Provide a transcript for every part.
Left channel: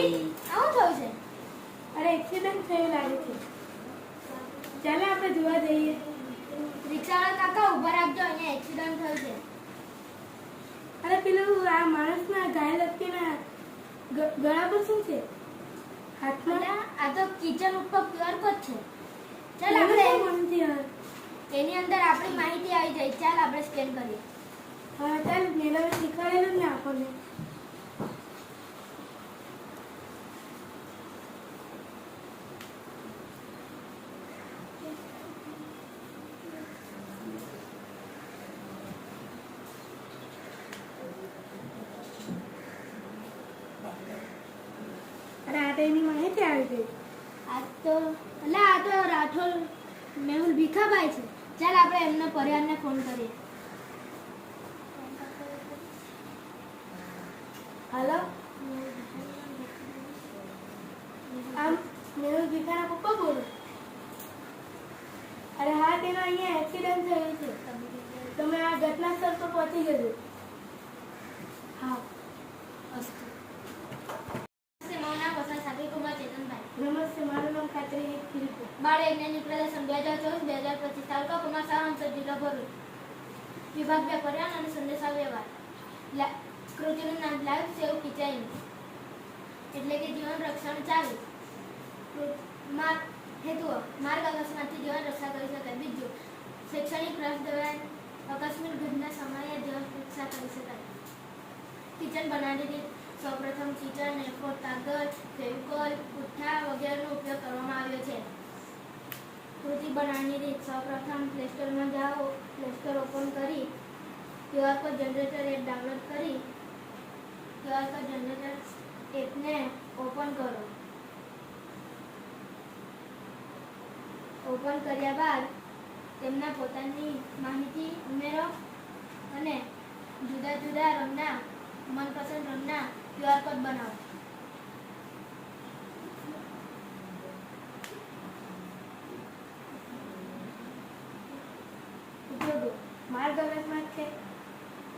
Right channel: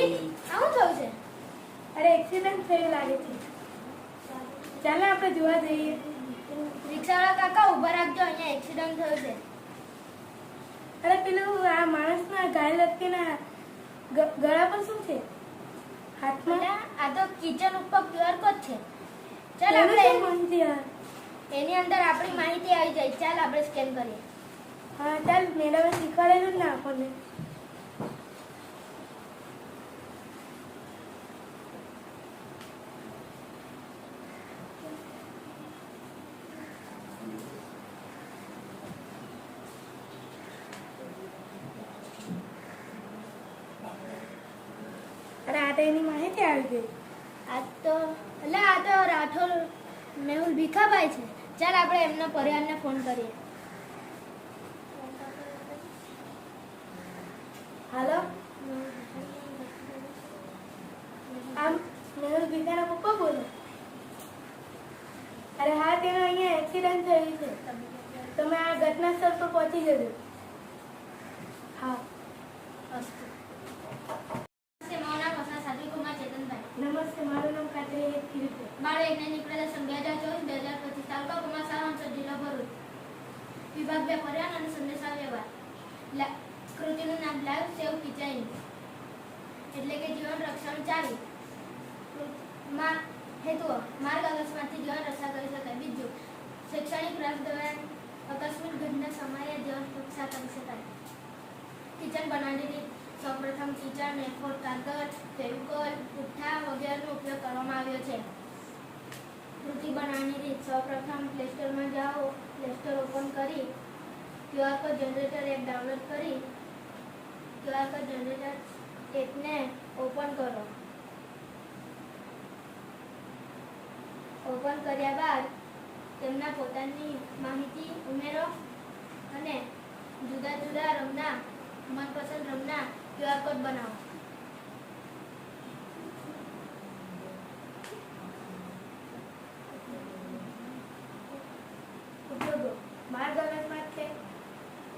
આવું થયું છે? અરે એક્સિડન્ટ થયું લાગે છે. ચાલો આપણે જોવા જઈએ. રિક્ષાવાળા કાકા ઊભા રાખજો, અહીંયા એક્સિડન્ટ થયું છે. અરે પેલું આ માણસના ઘાયલ વ્યક્તિના ગળા પર શું છે? હાથમાં? આ તો કિચન ઉપર QR કોડ છે. ચાલ આપણે એની અંદર આપણી માહિતી આવી જાય. ચાલ આપણે સ્કેન કરીએ. હા ચાલ, મેડમે શીખવાડેલું ને આપણને. અરે આ તો એની માહિતી આવી ગઈ. આ તો રાઠોડ મેહુલ ભીખાભાઈ છે. ચાલ આપણે એમના પરિવારને ફોન કરીએ. હાલો, આમ મેહુલ ભીખાના પપ્પા બોલો? અરે હા, તેમાં અહીંયા એક્સિડન્ટ થયું છે. તમે આ ઘટના સ્થળ પર પહોંચી જજો. હા. નમસ્તે, મારું નામ ખાતરી છે. બાળ વૈજ્ઞાનિક પ્રદર્શન 2024-2025 તાલુકા કુમારસાવ અંચળ જિલ્લો ભરૂચ. વિભાગ 2 પર્યાવરણ અને સંદેશા વ્યવહાર. કૃતિનું નામ લાઈવ સેવ કિચન એટલે કે જીવન રક્ષણ ચાલી. હેતુઓ: માર્ગ અકસ્માતથી જીવન રક્ષા કરી શકાય. બીજું, શૈક્ષણિક રસ દરમિયાન આકસ્મિક ઘટના સમયે જીવન રક્ષા કરી શકાય. કિચન બનાવવાની રીત: સૌપ્રથમ કિચન A4 કાગળ, ફેવિકોલ, પુઠ્ઠા વગેરેનો ઉપયોગ કરવામાં આવ્યો છે. કૃતિ બનાવવાની રીત: સૌપ્રથમ પ્લે સ્ટોરમાં જાઓ, પ્લે સ્ટોર ઓપન કરી QR code generator app download કરી QR કોડ જનરેટર એપને ઓપન કરો. ઓપન કર્યા બાદ તેમના પોતાની માહિતી ઉમેરો અને જુદા જુદા રંગના મનપસંદ રંગના QR કોડ બનાવો. ઉપયોગો: માર્ગ અકસ્માત છે.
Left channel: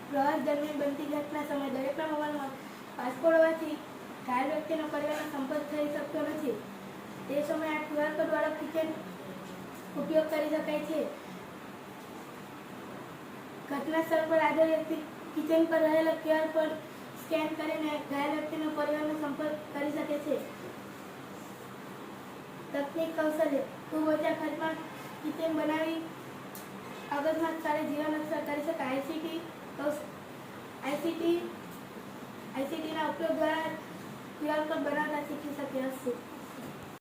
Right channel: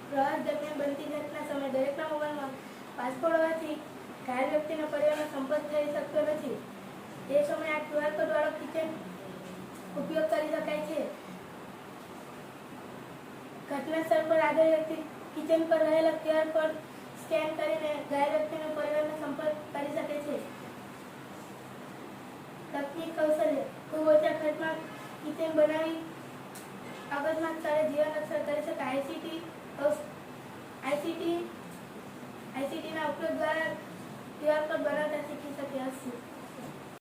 પ્રવાસ દરમિયાન બનતી ઘટના સમયે દરેકના મોબાઈલમાં પાસપોર્ટ હોવાથી ઘાયલ વ્યક્તિનો પરિવારનો સંપર્ક થઈ શકતો નથી. તે સમયે આ QR કોડ વાળો કિચન ઉપયોગ કરી શકાય છે. ઘટના સ્થળ પર આગળ વ્યક્તિ કિચન પર રહેલા QR કોડ સ્કેન કરીને ઘાયલ વ્યક્તિનો પરિવારનો સંપર્ક કરી શકે છે. તકનીક કૌશલ્ય: ખૂબ ઓછા ખર્ચમાં કિચન બનાવી અકસ્માત સ્થળે જીવન રક્ષા કરી શકાય. ICT ના ઉપયોગ દ્વારા QR કોડ બનાવતા શીખી શકે છે.